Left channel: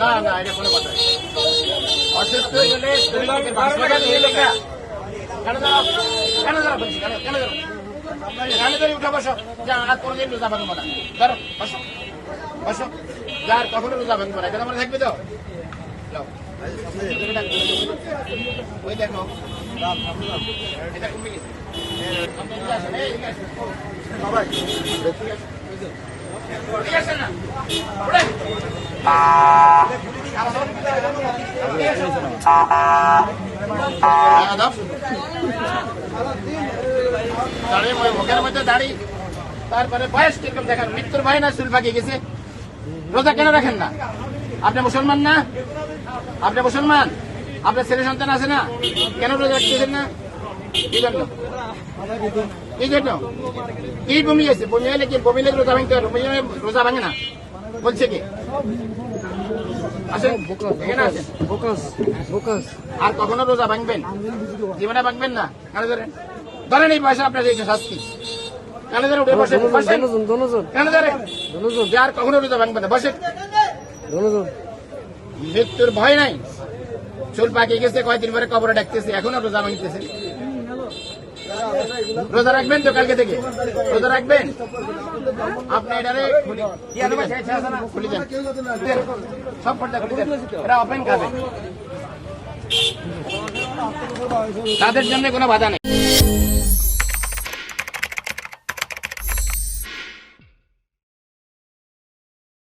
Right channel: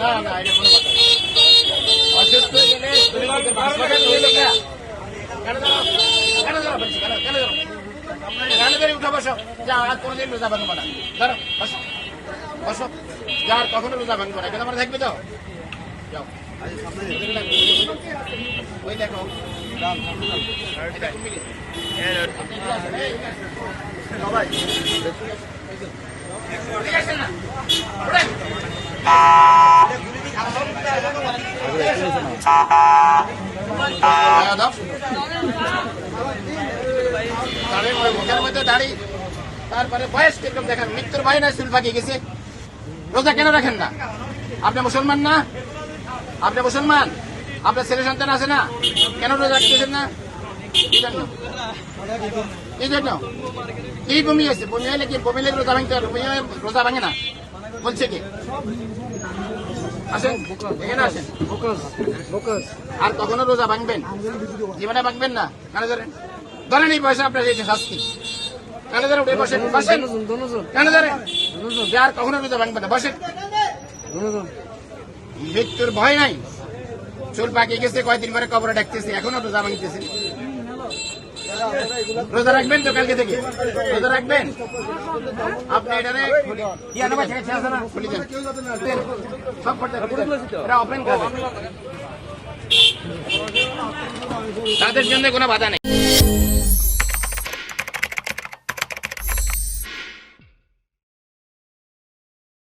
না না এটা কোনো কথা অসুস্থ হলে উঠা বসো যা আর কোনদিন রোজা ভাঙবো না ধরো বসো বসো যা আর কখনো রোজা ভাঙবো না কেন থাকবে তো যাও ওই দেখো এটা কমে গেছে ঠিক আছে না মুখের মধ্যে দাড়ি তারপরে বয়স কিরকম দেখেন মৃত্যুর ভয় না চুল পাকিয়ে গেছে রোজা কেন রাখেন না আপনি মুসলমান না আপনি মুসলমান আপনার ছেলে সন্তান আছে না কেন রোজা রাখতেছেন না কি জন্য কি জন্য কি বমি হয়েছে বমি হলে কি বমি লেগে রোজা ভাঙতে পারে রোজা ভাঙে না বলছে কি আর কখনো রোজা ভাঙবেন জীবনে ভাঙবেন না কেন ধরেন ধরেন এই পয়সা আপনার দিয়েছে শাস্তি কেন ধরেন উঠে বসেন বসেন কেন ধরেন আর কখনো রোজা ভাঙবেন না বসেন মৃত্যুর ভয় নাই চুল পাকিয়ে গেছে কয়েকদিন পরে কবরে ডাকতেছে এখনো রোজা ভাঙতেছে রোজা রাখবেন তো কালকে থেকে রোজা রাখবেন আপনি এখানে খুলে যান সব ওপেন করবেন তাদের জন্য কোনো বাধা নেই।